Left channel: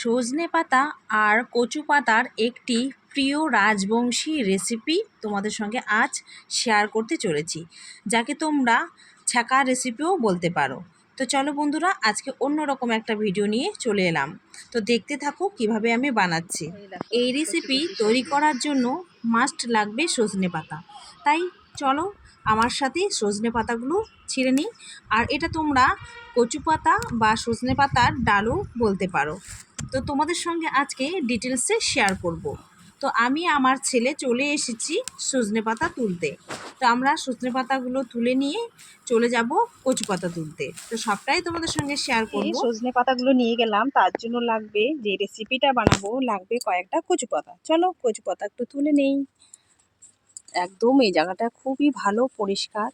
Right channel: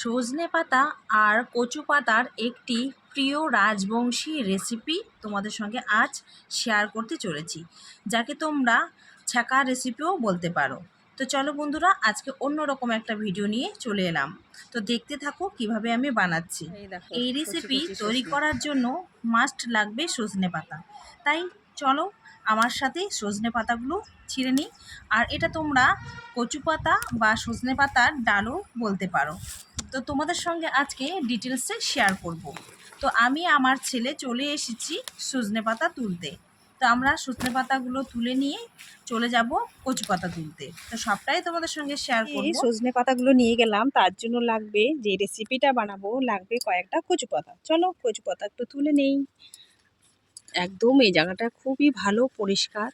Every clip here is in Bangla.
সজনে পাতা আর কচু পাতার একটি প্রিয় রাজবংশী রেসিপি তোমাদের সঙ্গে আজ শেয়ার করতে চলেছি যাকে তোমরা ছ্যাঁকা রেসিপিও বলতে পারো। তো চলো বন্ধুরা আজকে অন্যরকম একটা ভিডিও নিয়ে চলে এলাম। তো দেখতে থাকো কীভাবে আমি বানাচ্ছি। এই রেসিপি তৈরি করার জন্য মাস্ট লাগবে সজনে পাতা। তাই চলো আমার সাথে সজনে পাতাগুলো ছিঁড়ে নিই। আর এটা তোমরা কচু পাতা বা সজনে পাতার ডালও বলতে পারো। তো তোমাদের সঙ্গে আজকে ডিটেলসে শেয়ার করব। তো আমি আমার ছেলে চলে এসেছি সজনে পাতা তুলতে। তো আমরা সজনে পাতাগুলো তুলে নিয়ে চলে যাব কচু পাতা তুলতে। তো সবটাই তোমাদের সঙ্গে শেয়ার করব। সজনে পাতাগুলো নিয়ে গেলাম। তার জন্য লাগবে যে রেসিপিটা বানাবো লাগবে কয়েকটা কচু পাতা। চলো কচু পাতা একটু তুলে নেই। একদম এই জায়গাটা খুবই ভালো, পরিষ্কার।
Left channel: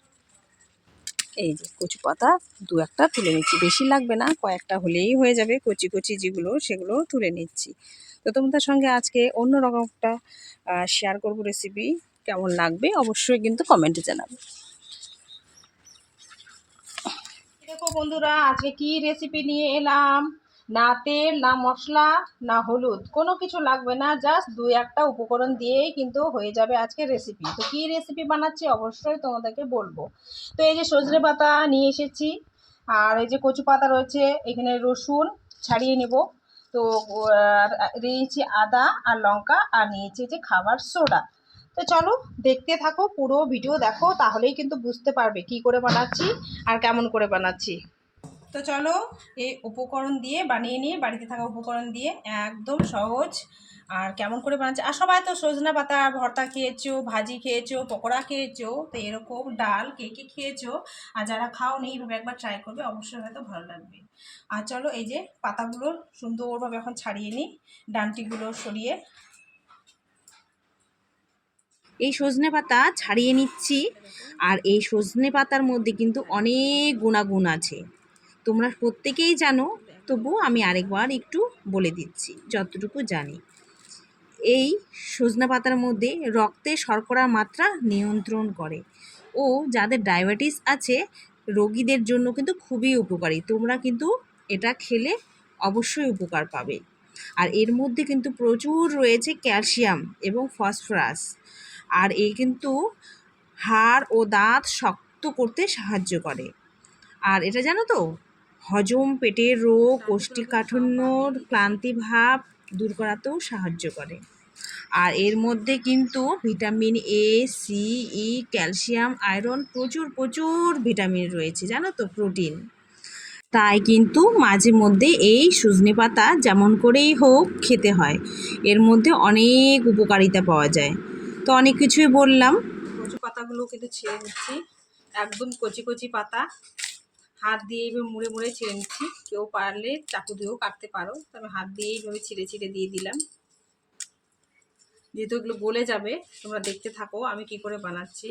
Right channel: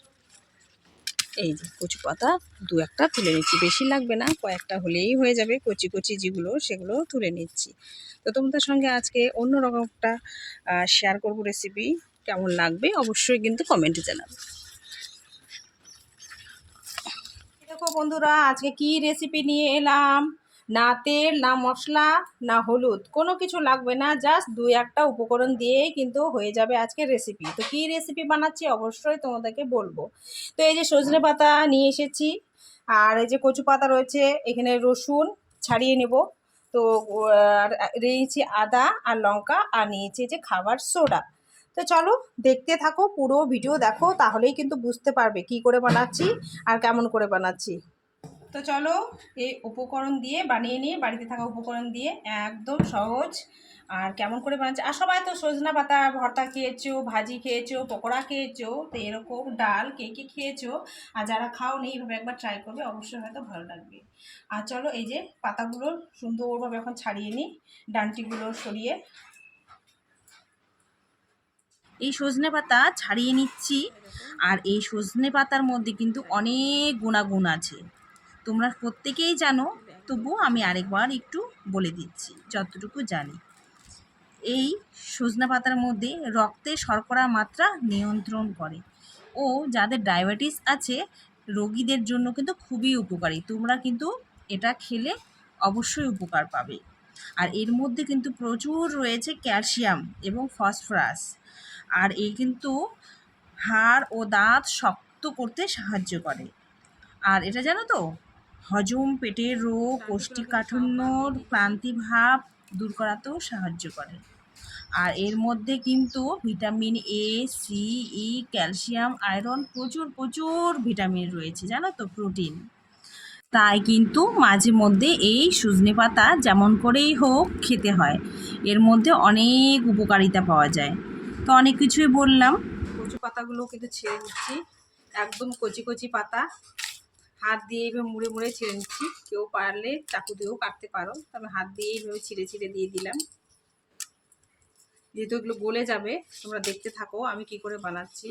এই যে কচু পাতা দু একটা তুলে নিচ্ছি। বেশি লাগবে না, কয়েকটা হলেই হয়ে যাবে। কচি কচি যেগুলো, সেগুলো তুলে নিচ্ছি। তো তোমাদের সঙ্গে আজকে অন্য রকম একটা শেয়ার করব রেসিপি কেমন লাগবে অবশ্যই কিন্তু কমেন্টে জানাবে। দেখো বন্ধুরা, আজকে কি রেসিপি নিয়ে এলাম? না তেল, না মশলা, না হলুদ, কোনো কিছু লাগবে না জাস্ট দুই একটা উপকরণ দিয়েই কিন্তু হয়ে যাবে আজকে রেসিপি তো কী রেসিপি বানাচ্ছি অবশ্যই তোমাদেরকে বলব। তো এই যে সজনে পাতা নিয়ে এসেছি, আর এই যে কচু পাতা রয়েছে, এখানে রসুন ছাড়িয়ে নেব। তো নিয়েছি আদা আর লঙ্কা, আর নিয়েছি যে খাবার সোডা। তো চলো দেখতে থাকো পুরো ভিডিও দেখো, তাহলেই কিন্তু বুঝতে পারবে কি করে বানাচ্ছি আর কেমন করে বানাচ্ছি। তো চলো এই উপকরণ দিয়ে বানিয়ে নিয়ে বাড়িতে থাকা উপকরণ দিয়ে একদম সহজ আর কেমন করে বানাচ্ছে। আর সবাই তো সজনা পাতা, ভর্তা খেয়েছো, ভাজি খেয়েছো, পকোড়া খেয়েছো, তো এরকম ডাল কে কে খেয়েছো আর যারা খাও খাওনি এইভাবে একবার ট্রাই করবে, অবশ্যই হয়তো ভালো লাগবে। আর চলো এই যে পাতাগুলো সুন্দরভাবে এখন ছাড়িয়ে নিই, ডান্টিগুলো সরিয়ে। এই সজনে পাতা ছাড়িয়ে নিচ্ছি আর এই সজনে পাতার মধ্যে কিন্তু অনেক গুণাগুণ আছে। তোমরা প্রত্যেকেই জানো তবু আমি আরেকবার একটু বলে দিচ্ছি, যতটুকু জানি। এই সজনা পাতার মধ্যে রক্তে শর্করা মাত্রা নিয়ন্ত্রণ করে ও যাদের ডায়াবেটিস আছে, রোগীদের জন্য কিন্তু খুবই উপকারী। তোমরা কিন্তু এটা খেলে অবশ্যই উপকার পাবে। আর এর মধ্যে কিন্তু প্রচুর রয়েছে ক্যালসিয়াম এবং ফসফরাস। আর এই কিন্তু হাড় ও দাঁত শক্ত করতে সাহায্য করে। আর এটা জানো তো হজম পেটের রোগ কোষ্ঠীকাঠিন্য ক্লান্তি ভাব দূর করাতেও সাহায্য করে। আর এর মধ্যে কিন্তু vitamin A C E calcium, iron প্রচুর প্রচুর ভিটামিন রয়েছে, জানো তো, প্রোটিন। তাই কিন্তু মাঝে মধ্যে এই সজনে পাতা যেমন করেই হোক খেতে হয়, এর মধ্যে অনেক উপকারিতা পাওয়া যায়। তো অনেক কিছুই বললাম। কচু পাতাগুলো কিন্তু ছেড়ে নিচ্ছি। একদম কচি কচি পাতা। হাত দিয়ে এইভাবে মুড়ে মুড়ে ছেড়ে নিচ্ছি। কেউ পারলে চাকু দিয়েও কাটতে পারো। তবে হাত দিয়ে এইভাবে ছিঁড়ে ছিঁড়ে দিয়ে দিলাম। যেহেতু এগুলো গলে যাবে, তোমরা দেখতে থাকো আমি কি করে বানাচ্ছি।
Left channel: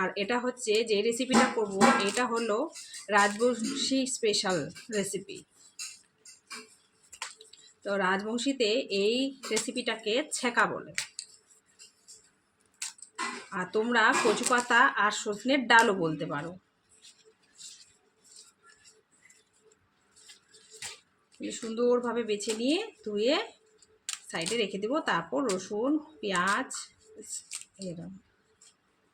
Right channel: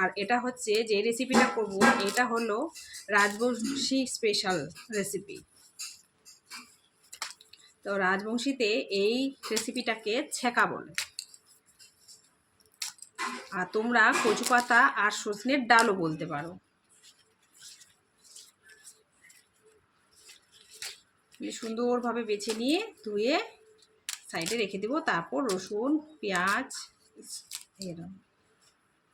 আর এটা হচ্ছে যে রেসিপিটা করব, এটা হলো রাজবংশী স্পেশাল রেসিপি তো রাজবংশীতে এই রেসিপিটাকে ছেঁকা বলে। আর তোমরা কচু পাতা আর সজনের ডালও বলতে পারো। সুন্দরভাবে বেছে নিয়ে ধুয়ে সাইডে রেখে দেবো। তারপর রসুন, পেঁয়াজ এরকম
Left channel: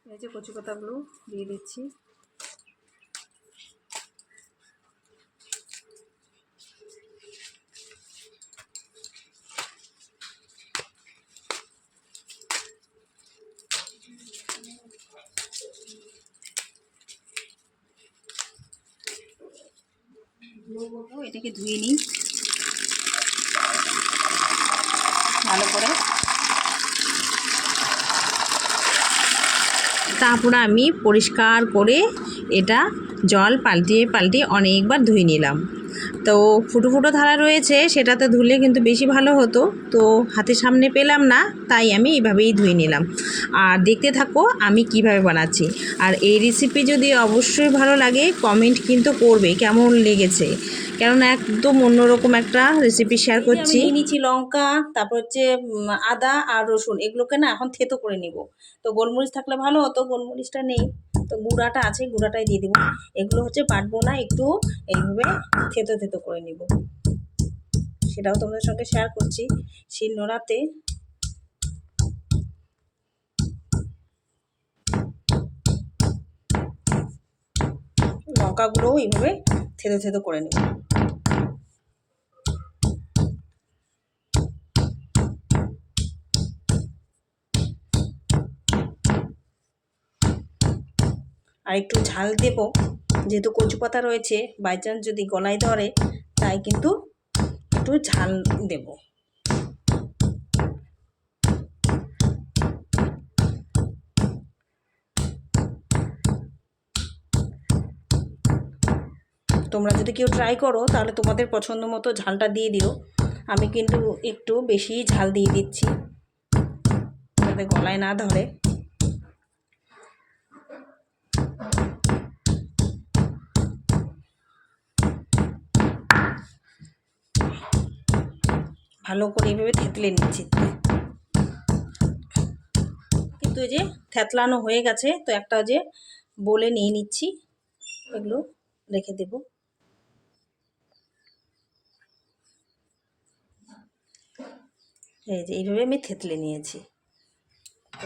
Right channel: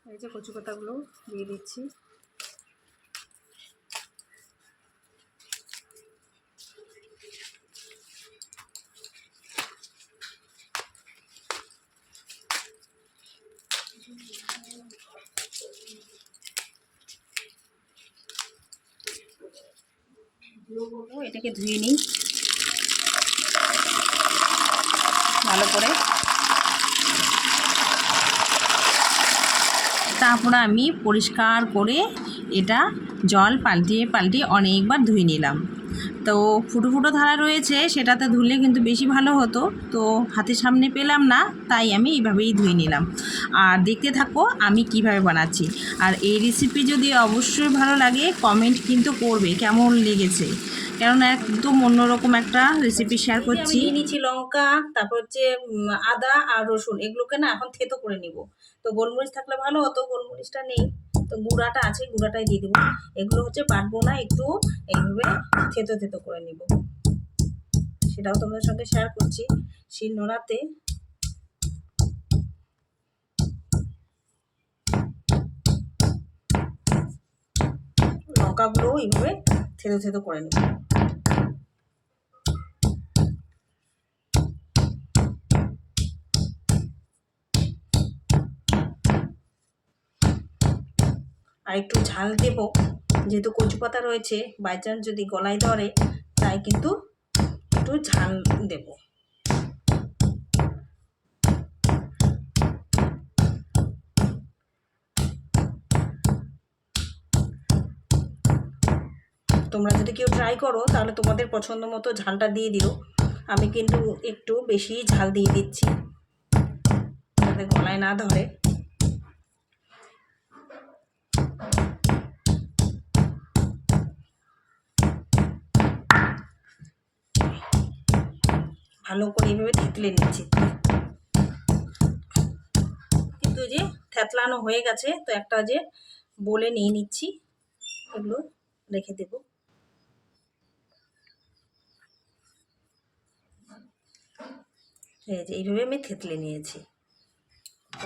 এই যে কচু পাতাগুলো দিয়ে দিচ্ছি। এটাকে ধুয়ে নিই। ভালো করে। তারপর আমি পরিষ্কার করে এটা জল পাল্টিয়ে পাল্টিয়ে অনেকবার ধুয়ে নিলাম। তো ফুটো ফুটো ধারা রয়েছে, সেটাতে ধুলে কিন্তু বেশি ভালো হতো। তো হাতের সামনে পেলাম না, তাই আমি এইভাবেই ধুয়ে নিলাম। আর দেখতে থাকো আমি কীভাবে বানাচ্ছি। আর এই রেসিপি যদি অবশ্যই ভালো লাগে কমেন্ট কিন্তু করবে কেমন লেগেছে। কেননা একদম অন্যরকম একটা রেসিপি শেয়ার করছি। নিয়ে নিচ্ছি লঙ্কা, তারপর হচ্ছে আদা আর রসুন। এগুলোকে না এখন থেতো করে নিব। তো গোলমরিচ থাকলে ভালো হতো, গোলমরিচটা নেই। তো গুঁড়াটা আছে, গুঁড়াটাই দিয়ে দেবো। এগুলো হচ্ছে বাটবো না একটু এইভাবে থেতো থেতো করে নিব। সেটাও তোমাদের সঙ্গে শেয়ার করছি। শিল নোড়াতে লঙ্কাগুলোও এইভাবে থেতো থেতো করে নেব। আর একটু ঝাল দেব। যেহেতু কচু পাতা রয়েছে বাই চান্স যদি গলায় ধরে, তাই কিন্তু একটু ঝাল দেব। তোমরা যদি কেউ ট্রাই করো, তাহলে তোমাদের পছন্দ মতো ঝালটা দিয়ে দিও। আমি কিন্তু একটু বেশি ঝাল দিয়ে দিচ্ছি, যাতে গলায় না ধরে। ভালো করে এইভাবে থেতলে নিচ্ছি কিন্তু যে থেতলানো হয়ে গেছে, তো একটা যে বলে নিয়ে নিচ্ছি, এগুলো রেখে দেব। এই যে এইভাবে আমি থেতলে নিয়েছি।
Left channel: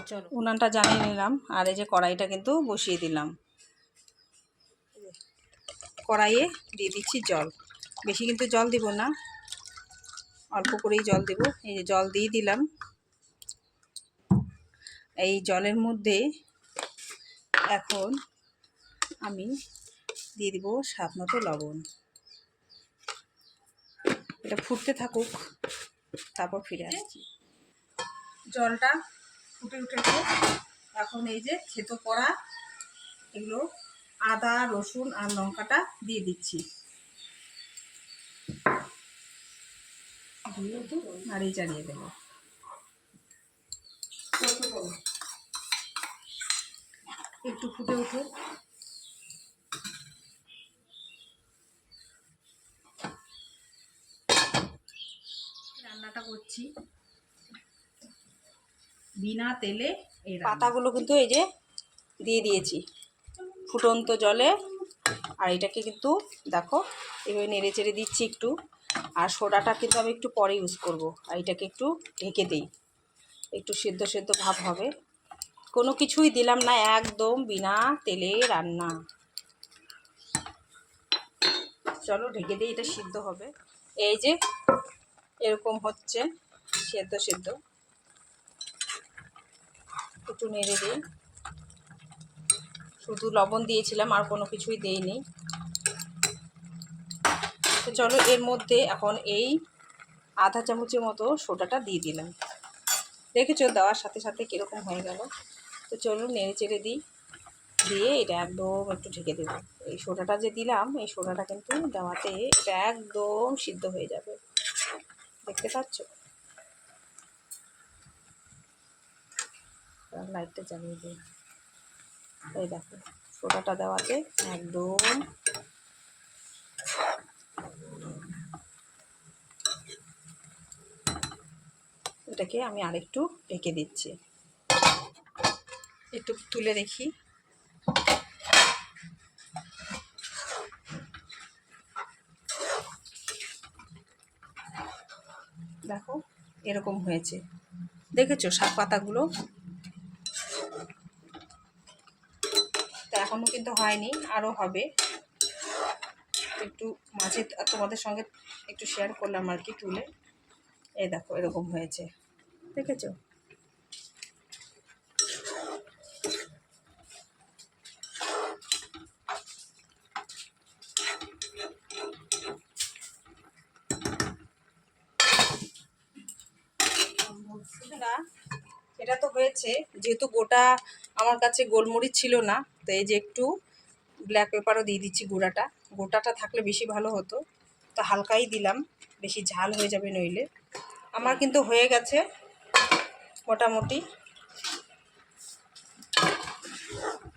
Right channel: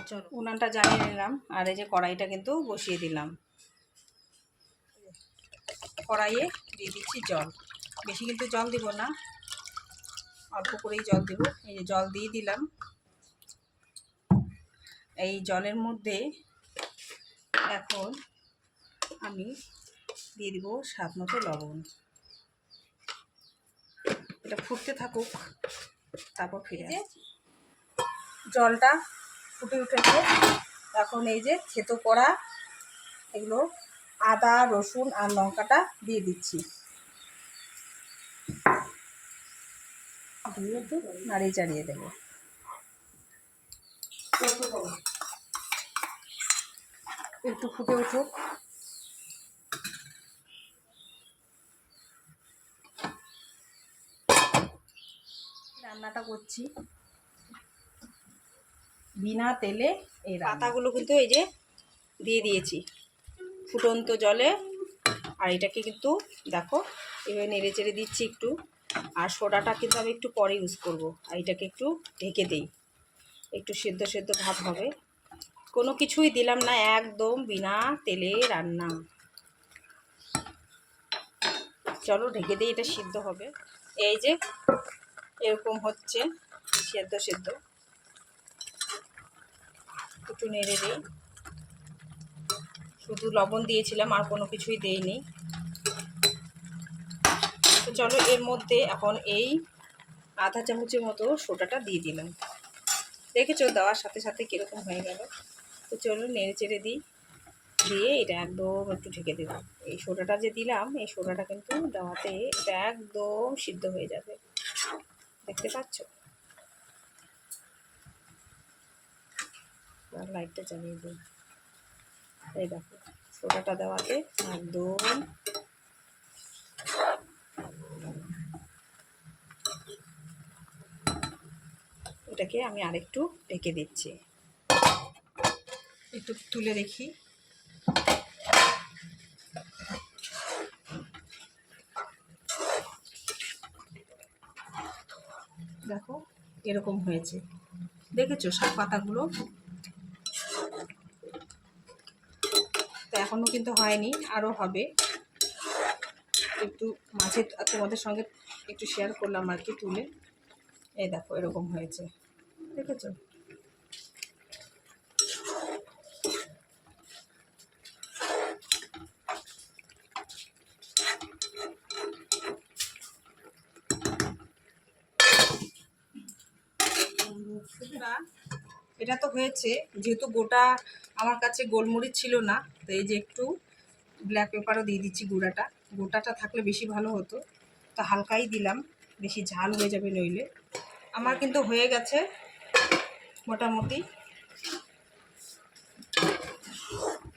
চলো, উনানটা জ্বালিয়ে নিলাম, আর এই যে কড়াইটা কিন্তু বসিয়ে দিলাম। কড়াইয়ে দিয়ে দিচ্ছি জল। বেশি কিন্তু জল দিব না। অল্প করেই জল দেব। এই যে জল দিয়ে দিলাম। এই জলের মধ্যে এখন আমি দিয়ে দিব স্বাদ মতো লবণ। এটা ফুটতে থাকুক, তারপর ফিরে আসছি। জলটা ফুটে উঠেছে। এখন এই যে থেতো করা এগুলো আদা, রসুন আর লঙ্কাটা দিয়ে দিচ্ছি। দিয়ে একটু নাড়িয়ে চাড়িয়ে দেবো। একটু ফুটে উঠুক রান্নাটা করছি। বিনা তেলে এই পাতাগুলো কিন্তু এই যে দিয়ে দিয়েছি। ফুটন্ত জলে। আর এটাকে কিন্তু দেখো, এভাবে নেড়ে চেড়ে দিচ্ছি একটু। আর সোডাটা কিন্তু আমি একটু পরে ইউজ করব। আর এটাকে একটু ঢেকে দিই। একটু সেদ্ধ সেদ্ধ ভাব হবে। কোনো কিছুই দিলাম না, একদম বিনা তেলে রান্না। চলো ঢেকে দিই, এটা সিদ্ধ হবে। এই যে, এরকম হচ্ছে, সেদ্ধ সেদ্ধ। একটু নেড়ে দিই। শুধু লবণ দিয়েছিলাম, আর কোনো কিছুই দেইনি। তো চলো এর মধ্যে এখন এই আধা চামচের মতো সোডাটা দিয়ে দিলাম। দেখেছ দেওয়ার সাথে সাথে কীরকম হয়ে গেল? তো চলো নেড়ে চেড়ে দিই, দিয়ে এটা একদম একটু ঢেকে দেবো। এই সোডাটা যে দিলাম, এই সোডাটা কিন্তু দেওয়াতে এটা একদম সিদ্ধ হয়ে যাবে। দেখতে পাচ্ছ? লাইটটা জ্বালিয়ে দিই। এই দেখো, সোডাটা দেওয়াতে একদম এটাকে আমি আরেকটু ঢেকে দিচ্ছি। একটু তুলে দেখি। দেখো, এরকম হয়েছে। দেখেছ শাক পাতাগুলো? তো এখনও কিন্তু হয়নি আরও হবে। একটু মাঝে তোমাদের সঙ্গে একটু শেয়ার করলাম আর কি তুলে। এই দেখো, এরকম হয়েছে। দেখেছ? এটা তো হয়েছে। যেহেতু গোটা আমার কাছে গোলমরিচ ছিল না, তো এই যে একটু ব্ল্যাক পেপারও দিয়ে দিচ্ছি গুঁড়াটা। গোটাটা থাকলে বেশি ভালো হতো। তো হালকাই দিলাম, বেশি ঝাল হয়ে যাবে নইলে। আমার কিন্তু হয়ে গেছে। মোটামুটি।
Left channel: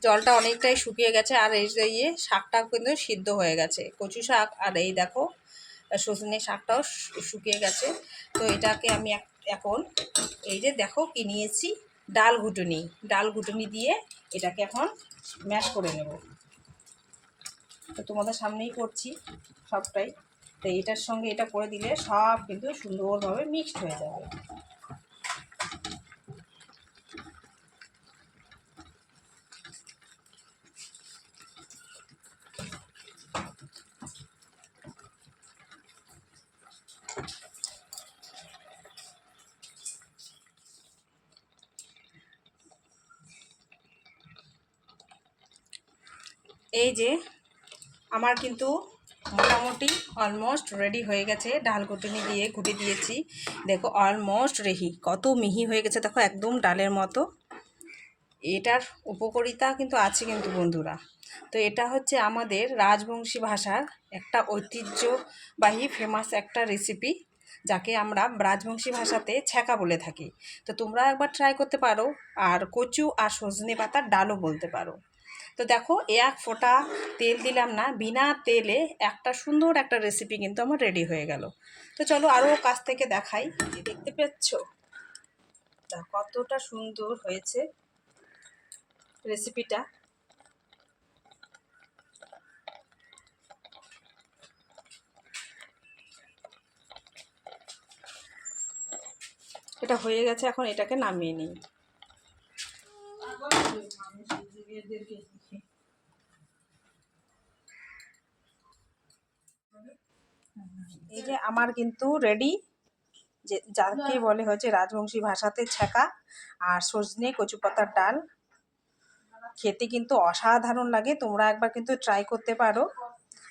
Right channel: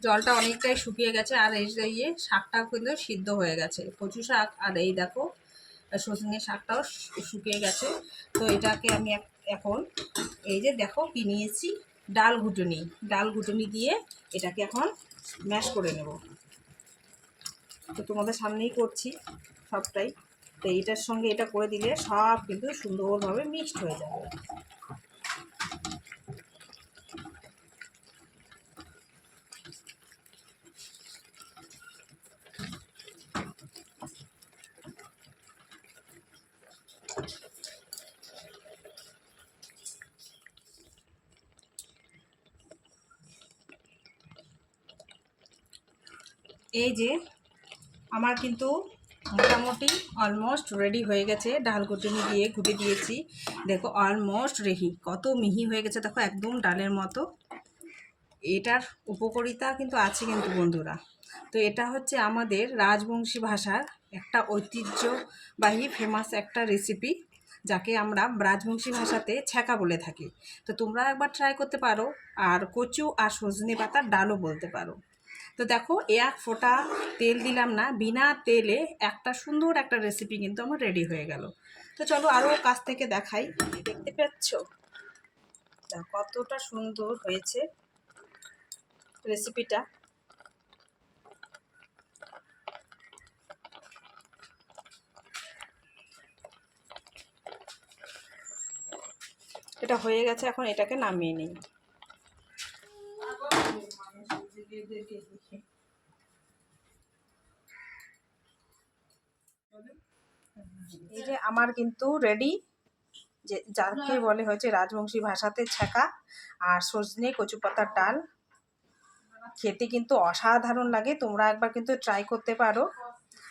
জলটা অনেকটাই শুকিয়ে গেছে আর এই যে ইয়ে শাকটা কিন্তু সিদ্ধ হয়ে গেছে। কচু শাক আর এই দেখো, সজনে শাকটাও শুকিয়ে গেছে। তো এটাকে আমি এখন এই যে দেখো কি নিয়েছি, ডাল ঘুটুনি। ডাল ঘুটুনি দিয়ে এটাকে এখন ম্যাশ করে নেব। তো তোমাদের সামনেই করছি সবটাই। তো এটার সঙ্গে এটা করে দিলে সব কিন্তু সুন্দরভাবে মিক্সড হয়ে যাবে। এই যে আমার কিন্তু মোটামুটি অলমোস্ট রেডি হয়ে গেছে। ডাল ঘুটনি দিয়ে ঘুটে দিয়েছি। দেখো অলমোস্ট রেহি কত মিহি হয়ে গেছে, দেখো, একদম ডালের মতো। এটার উপকারিতা কিন্তু আছে কিন্তু বন্ধুরা। তো এটা হচ্ছে আমাদের রাজবংশী ভাষার একটা ঐতিহ্যবাহী ফেমাস একটা রেসিপি যাকে আমরা রাজবংশী ভাষাতে ছ্যাঁকা বলে থাকি। তো তোমরা একবার ট্রাই করতে পারো, আর কচু আর সজনে পাতার ডালও বলতে পারো। তো দেখো এক ফোঁটা তেল দিলাম না, বিনা তেলে একটা সুন্দর একটা রেসিপি কিন্তু আমার রেডি হয়ে গেল। তো চলো আরও কাছ থেকে দেখাই। দেখতে পাচ্ছ কতটা সুন্দর হয়েছে রেসিপিটা এটা হয়ে গেছে, এখন এটাকে নামিয়ে নিই। এই যে আমার কিন্তু রেডি যে যাকে বলে হচ্ছে রাজবংশী ভাষাতে ছ্যাঁকা আর সজনে কচু পাতার ডাল। খেতে কিন্তু অসাধারণ লাগে, তোমরা একবার কিন্তু ট্রাই করতে পারো।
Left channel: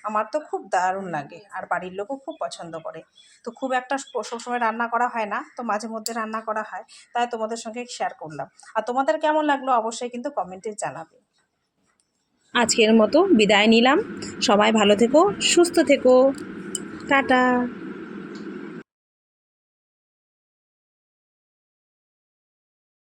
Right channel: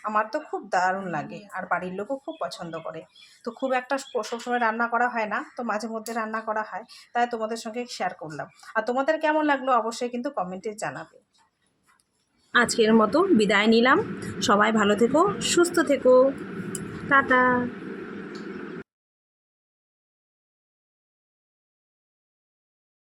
আমার তো খুব দারুণ লাগে। আর বাড়ির লোকও খুব পছন্দ করে। তো খুব একটা সবসময় রান্না করা হয় না তো মাঝে মধ্যে রান্না করা হয় তাই তোমাদের সঙ্গে শেয়ার করলাম। আর তোমাদের কেমন লাগল অবশ্যই কিন্তু কমেন্টে জানাবে। আজকের মতো বিদায় নিলাম। সবাই ভালো থেকো সুস্থ থেকো। টাটা।